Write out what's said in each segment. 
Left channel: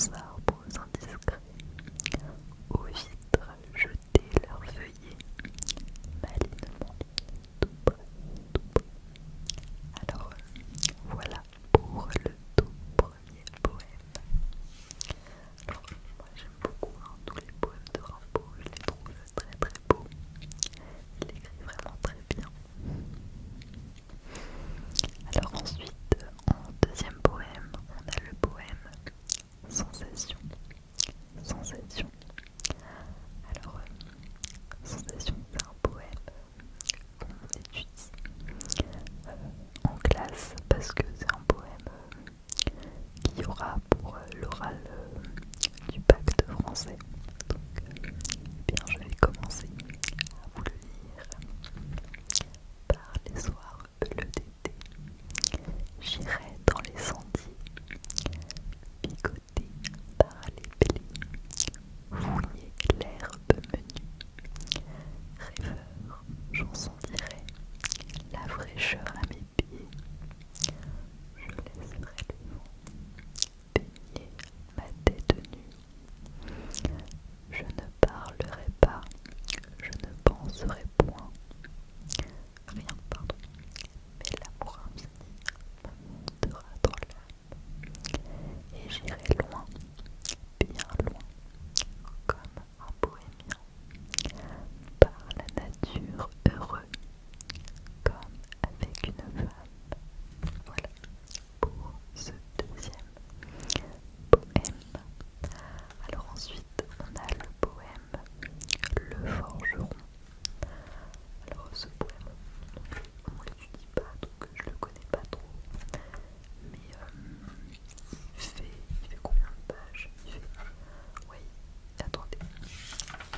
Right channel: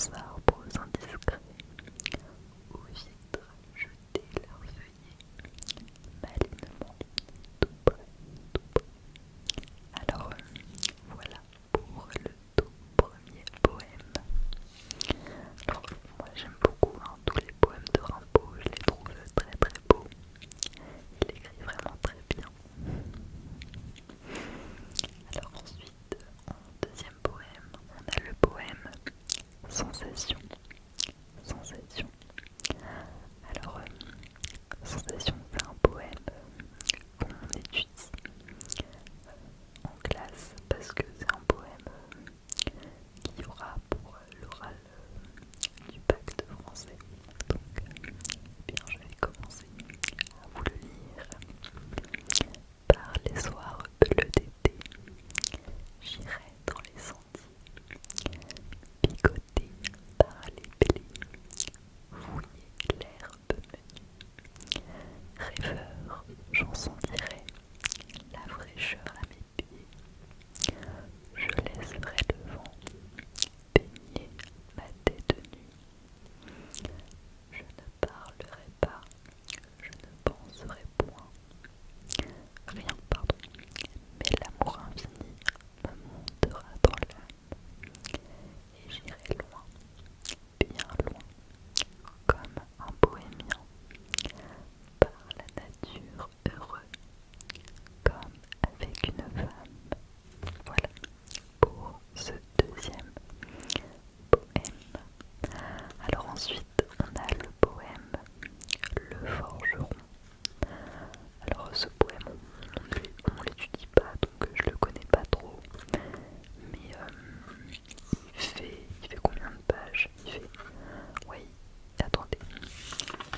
grands arbres indiscrets, aux vitres jetaient leurs feuillets, malinement, tout près, tout près. Alors voilà pour le tout premier poème. Alors moi j'aime beaucoup tous les poèmes de Rimbaud, je les trouve très très beaux. Il écrit vraiment très bien. Alors ensuite, en deuxième poème, on a le poème Sensation. Sensation. Alors, Sensation, c'est un poème qu'on étudie en classe parce que c'est un poème qu'il y aura pour l'oral du bac de français. Donc, eh bien, je vais commencer à vous le lire. Par les soirs bleus d'été, j'irai dans les sentiers, picoté par les blés, fouiller l'herbe menue. Rêveur, j'en sentirai la fraîcheur à mes pieds. Je laisserai le vent baigner ma tête nue. Je ne parlerai pas, je ne penserai point. Rien, pardon. Mais l'amour infini me montera dans l'âme. Et j'irai loin, bien loin, comme un bohémien, par la nature heureux, comme avec une femme. Voilà pour ce deuxième poème. Alors ensuite, on a le poème Le Forgeron. Alors ce poème, on l'étudie pas, donc je le connais pas trop. Mais il fait combien de pages? Il fait... Oui, attendez.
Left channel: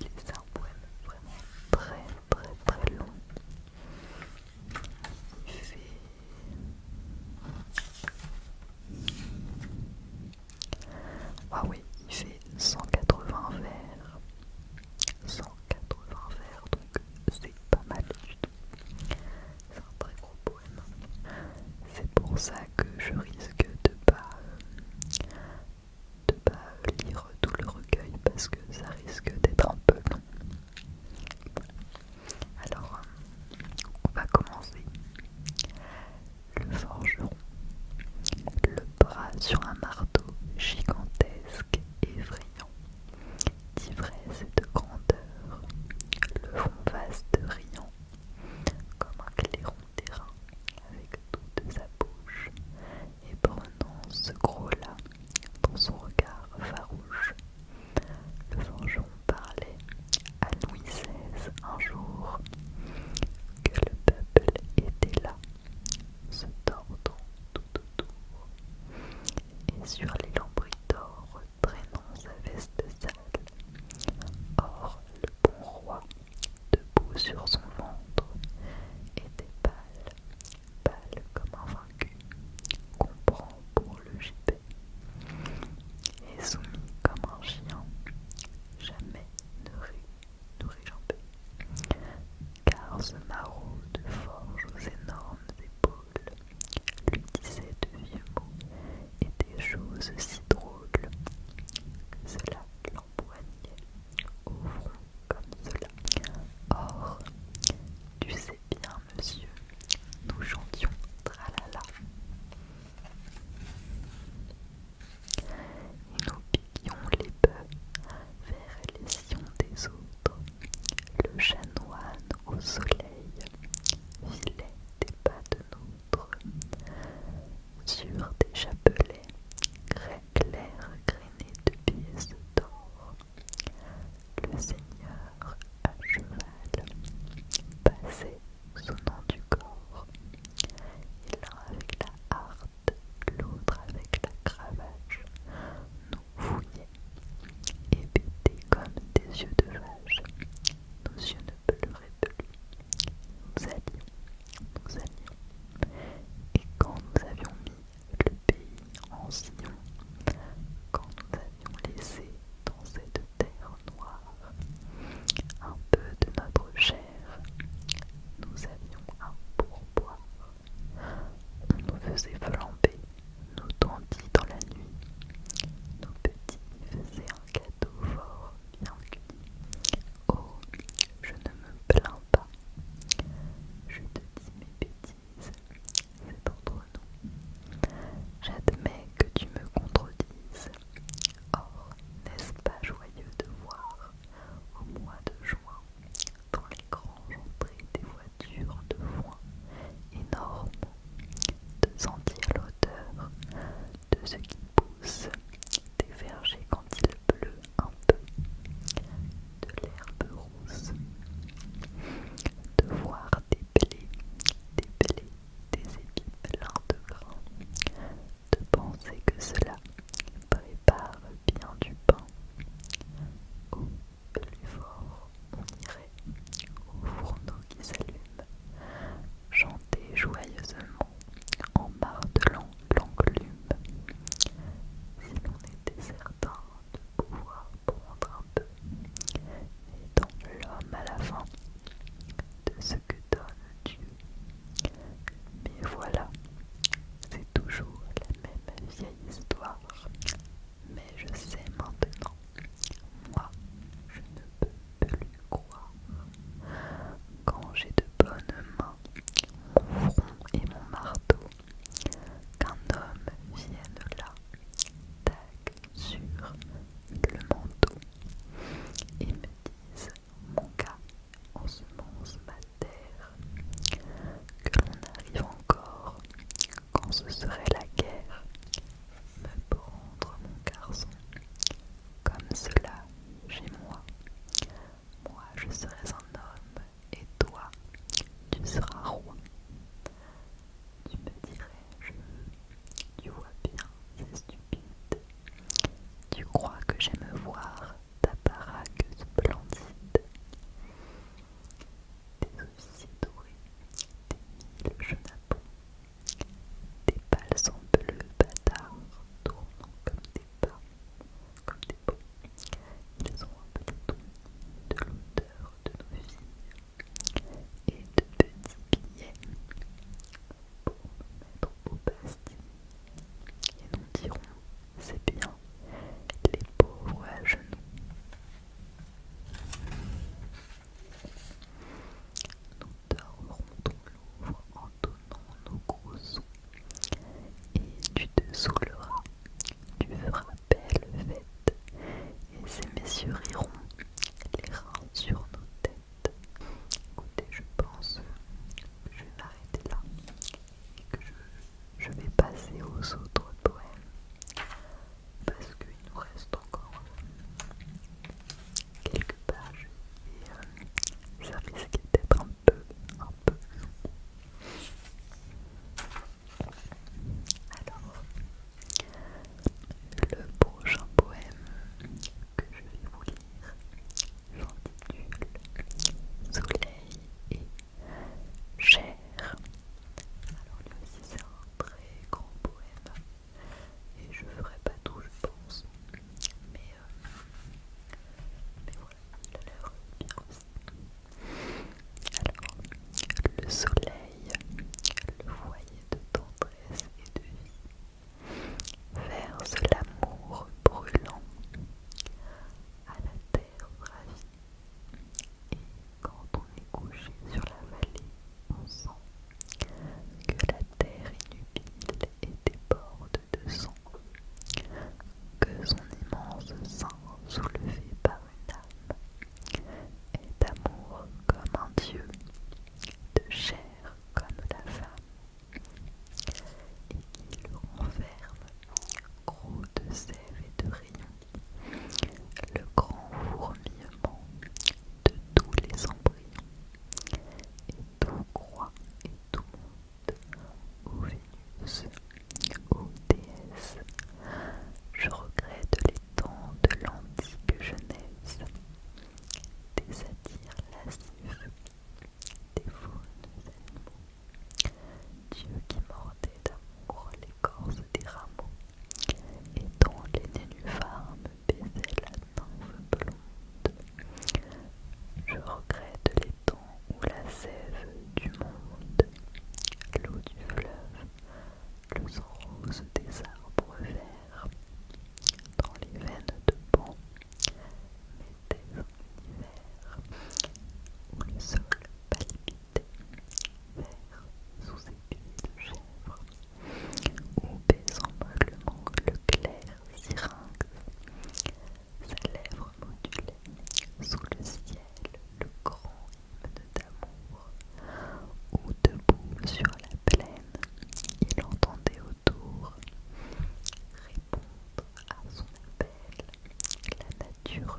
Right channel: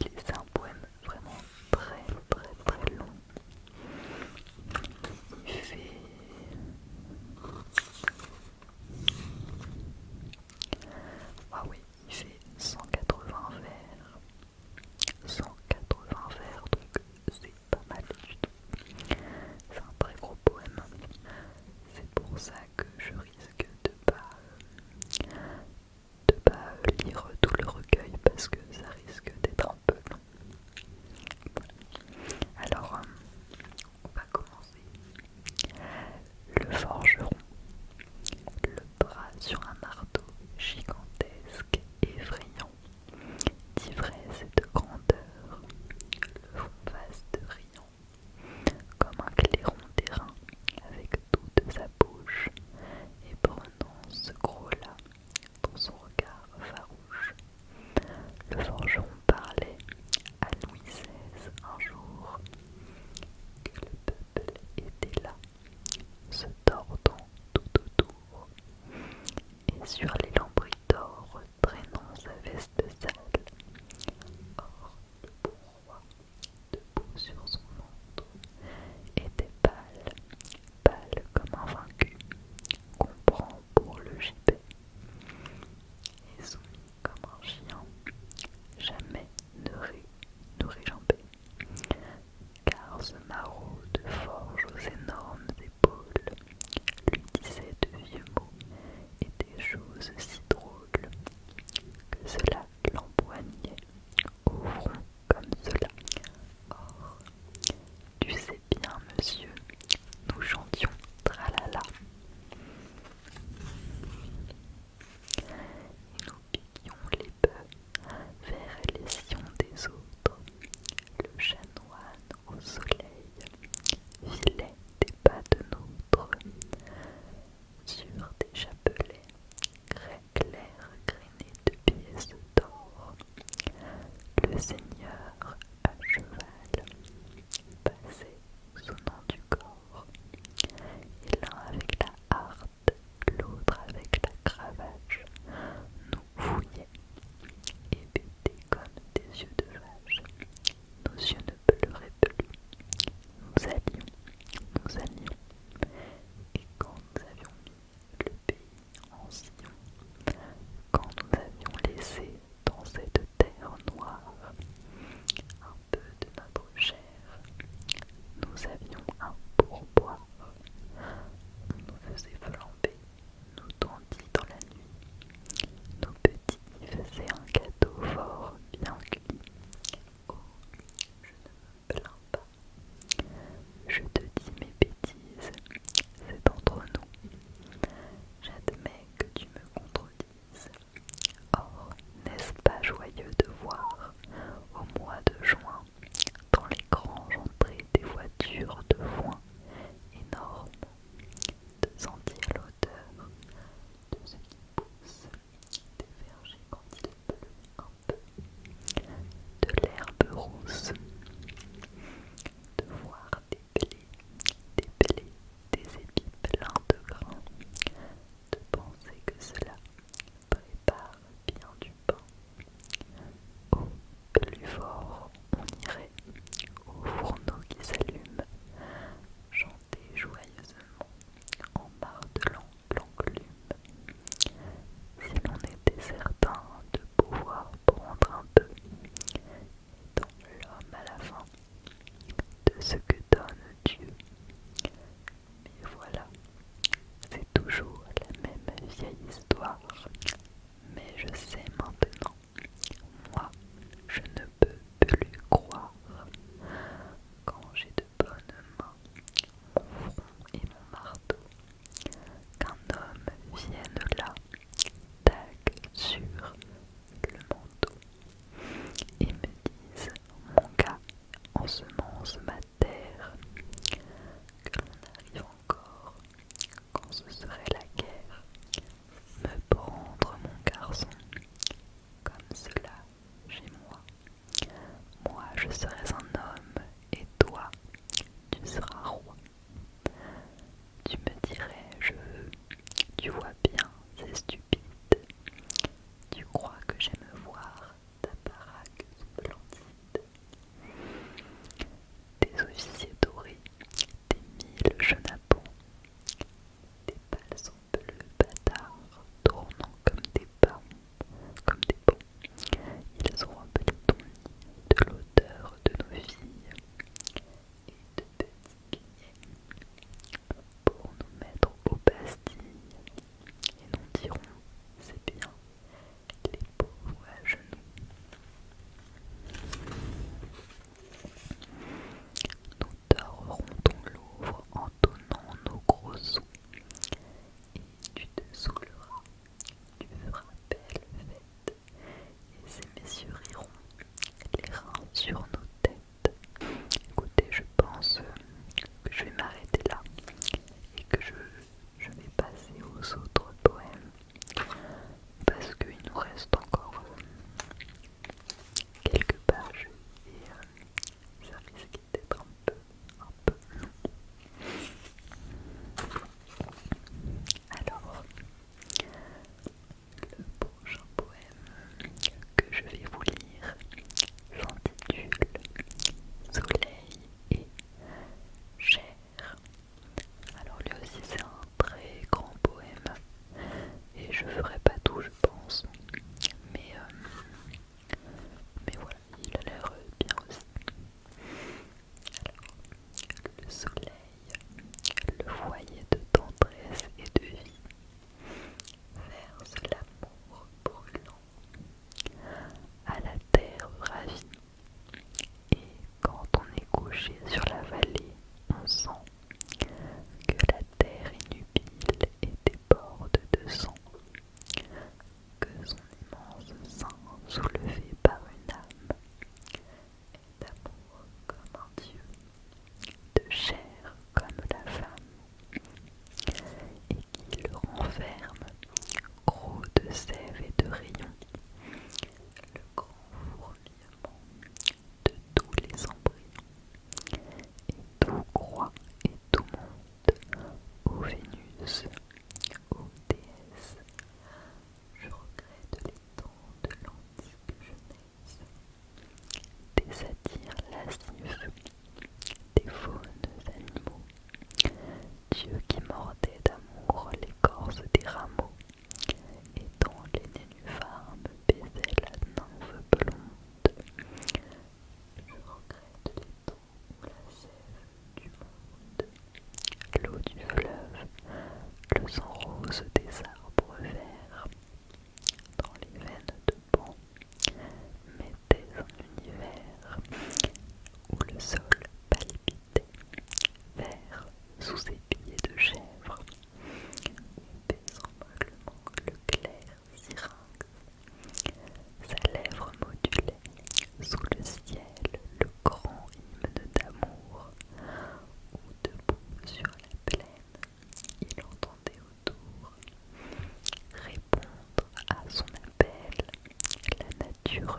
C'est un poème vraiment très très très long. Il fait... Ah oui, il fait 180 vers. 180 vers, donc c'est pas mal du tout. C'est un très gros poème. C'est pour ça que je risque de pas lire tout le recueil parce que ça risque d'être un peu long. Voilà. Alors, on va commencer. Le forgeron, le bras sur un marteau gigantesque, effrayant, d'ivresse et de grandeur, le fond vaste riant, comme un clairon d'airain, avec toute sa bouche, et prenant ce gros-là pour son regard farouche. Le forgeron parlait à Louis XVI un jour, que le peuple était là, se tordant tout autour, et sur les lambris d'or traînant sa veste sale. Or, le bon roi, debout sur son ventre, était pâle, pâle comme un vaincu, qu'on prend pour le gibet, et soumis comme un chien, jamais ne régimbait, car ce maraud de forge aux énormes épaules lui disait de vieux mots et des choses si drôles que cela l'empoignait au front comme cela. Or, tu sais bien, monsieur, nous chantions tralala, et nous piquions les bœufs vers les sillons des autres. Le chanoine au soleil filait des pas de nôtre sur des chapelets, grès ce qui pousse, des vergers quand il pleut un peu, de l'herbe rousse, de voir des blés, des épis pleins de grains, de penser que cela prépare bien du pain. Au plus fort, on irait au fourneau qui s'allume, chanter joyeusement en martelant l'enclume. Si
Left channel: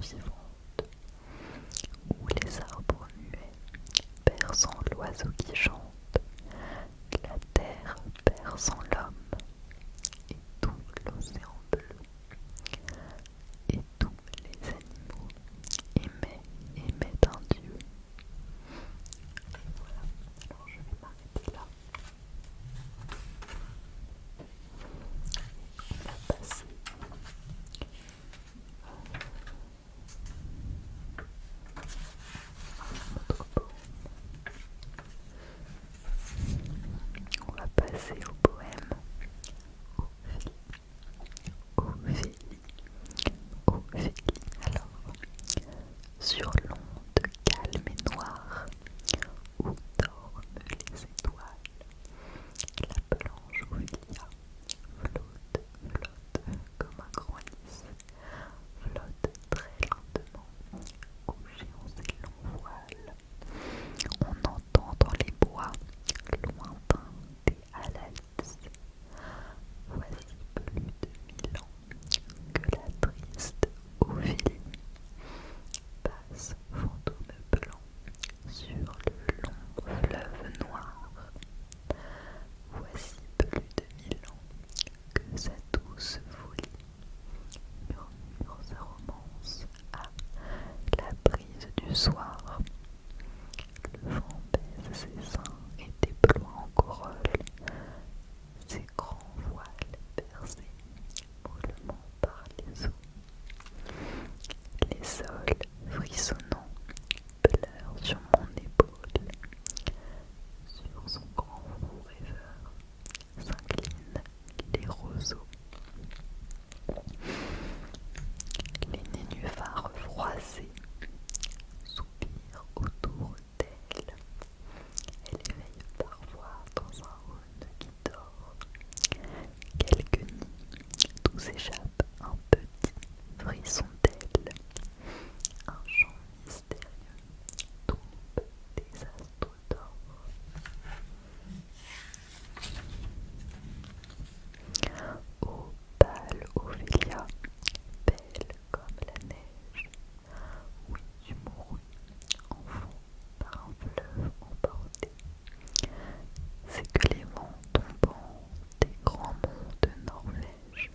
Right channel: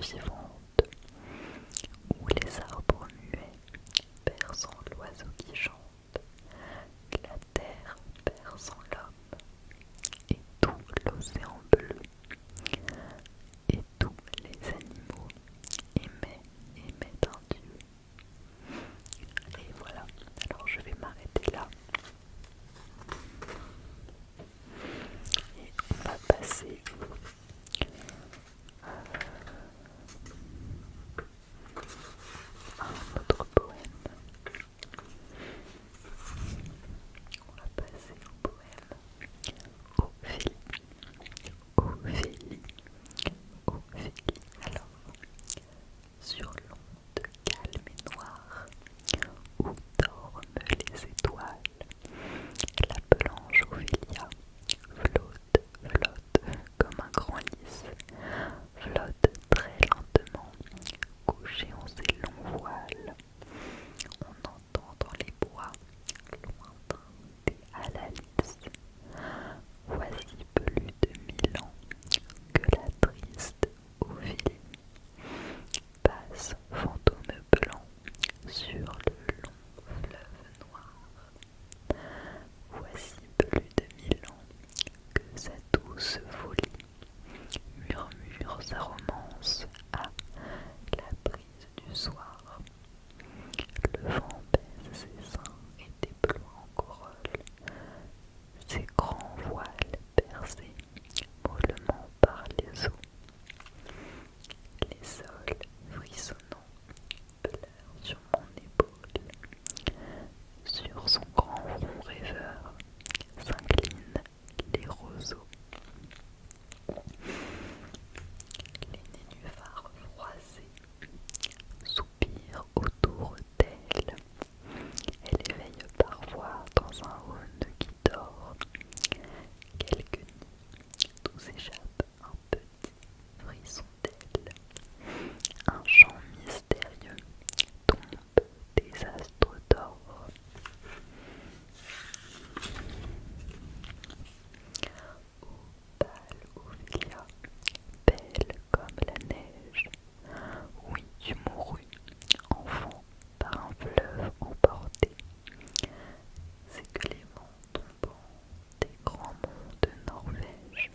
vivante, où les arbres muets perçant l'oiseau qui chante, la terre perçant l'homme, et tout l'océan bleu, et tous les animaux aimaient un Dieu. Et voilà, alors je vais m'arrêter là. Et on va passer à un autre poème. On va passer au poème Ophélie. Ophélie. Alors, sur l'onde calme et noire, où dorment les étoiles, la blanche Ophélia flotte, flotte comme un grand lys, flotte très lentement, couchée en ses longs voiles. On entend dans les bois lointains des Halalis. Voici plus de 1000 ans que la triste Ophélie passe fantôme blanc sur le long fleuve noir. Voici plus de 1000 ans que sa douce folie murmure sa romance à la brise du soir. Le vent baise ses seins et déploie en corolle ses grands voiles percés mollement par les eaux. Les sols frissonnants pleurent sur mon épaule. Sur son grand front rêveur s'inclinent les roseaux. Les nénuphars froissés soupirent autour d'elle. Elle éveille parfois dans un aune qui dort. Quelques nids d'où s'échappe un petit frisson d'aile. Un chant mystérieux tombe des astres d'or. Ô pâle Ophélia, belle comme la neige, oui tu mourus, enfant, par un fleuve emporté. C'est que les vents tombants des grands monts de Norvège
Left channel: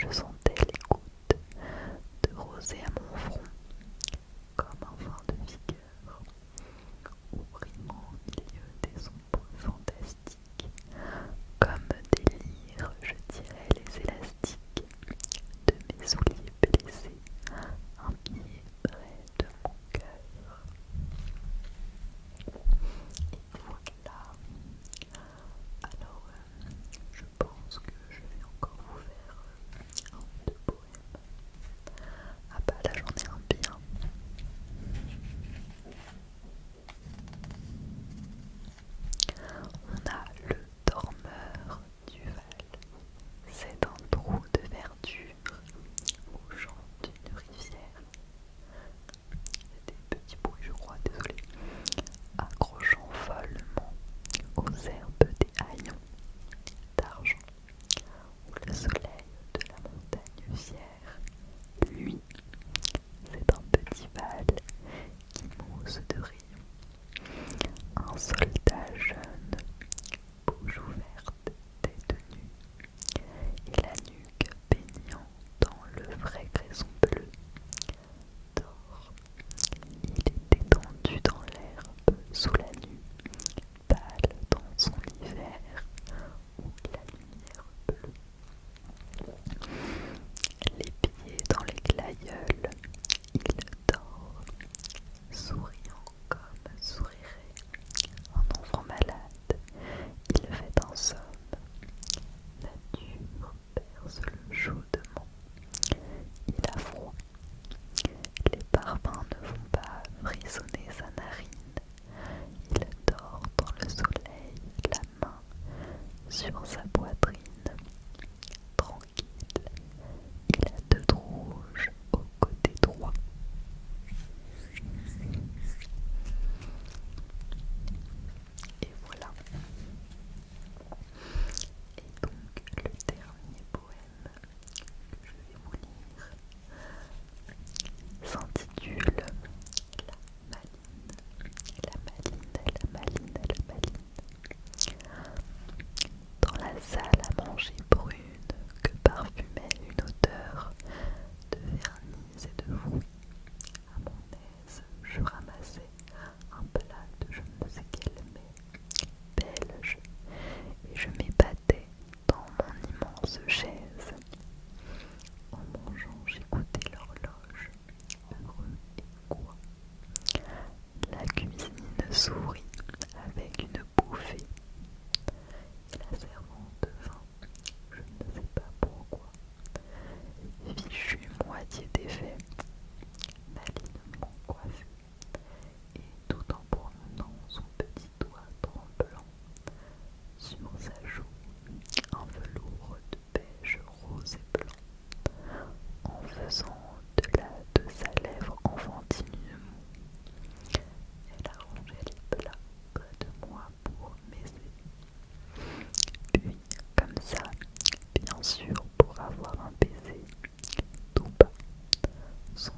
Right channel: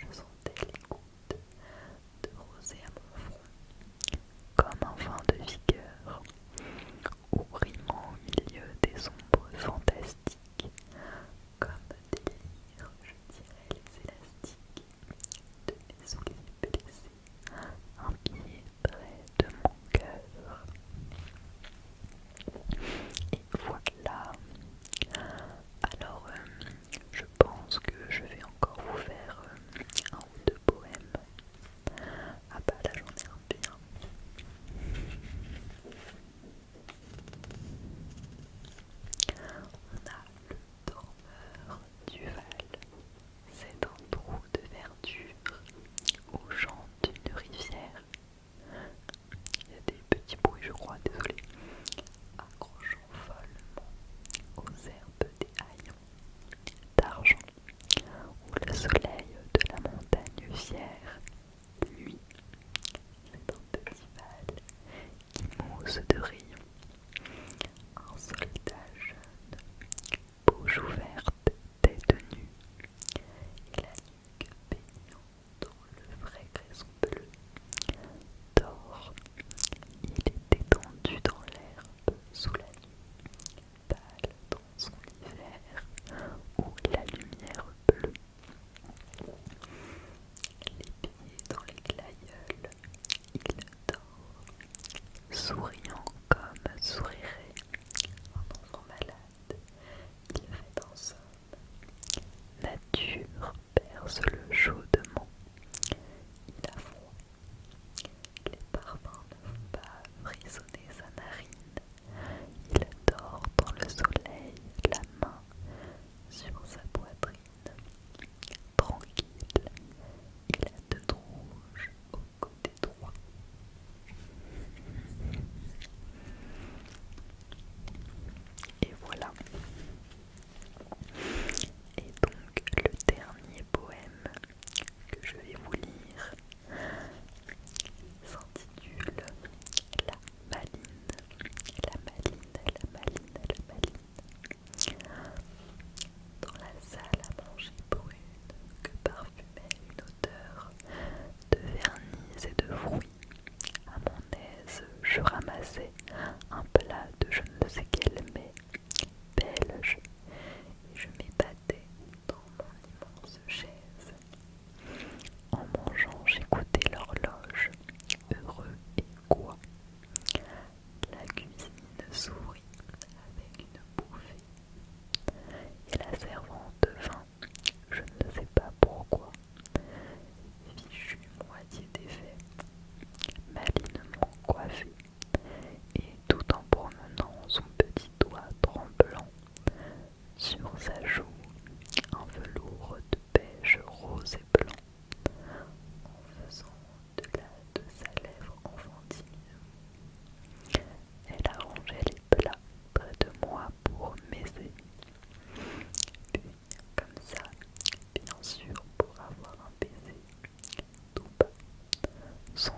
je sentais les gouttes de rosée à mon front, comme un vin de vigueur, ou rimant au milieu des ombres fantastiques, comme des lyres, je tirais les élastiques de mes souliers blessés, un pied près de mon cœur. Et voilà. Alors, je pense que je vais encore vous faire un ou deux poèmes. Ah bah là j'en ai un bien. On a le dormeur du Val. C'est un trou de verdure au champ d'une rivière. Il y a des petits bruits, je crois, désolé. Accrochant follement aux herbes des haillons d'argent, où le soleil de la montagne fière, lui, c'est un petit Val qui mousse de rayons. Un soldat jeune, bouche ouverte, tête nue, et la nuque baignant dans le vrai cresson bleu d'or. Il est étendu dans l'herbe sous la nuit, pâle dans son hiver, où la lumière bleue. Les pieds dans les glaïeuls, il dort, souriant comme sourirait un enfant malade. Il fait un somme, nature berce le chaudement. Il a froid, les parfums ne vont pas frissonner sa narine. Il dort dans le soleil, la main sur sa poitrine. Tranquille, il a deux trous rouges au côté droit. Et voilà. Et donc le dernier poème que je vais vous lire s'intitule La Maline. La Maline, la Maline, la Maline. Dans la salle à manger brune que parfumait une odeur de vernis et de fruits, à mon aise je ramassais un plat de je ne sais quel mets belge et je m'ébattais dans mon immense chaise. En mangeant, j'écoutais l'horloge, heureux et quoi. La cuisine sourit avec une bouffée, et la servante vint, je ne sais pas pourquoi, fichue moitié défait, malinement coiffée, et tout en promenant son petit doigt tremblant sur sa joue, un velours de beige rose et blanc, en faisant de sa lèvre enfantine une moue. Elle arrangeait les plats près de moi pour m'aiser. Puis, comme ça, bien sûr, pour avoir un baiser, tout bas, son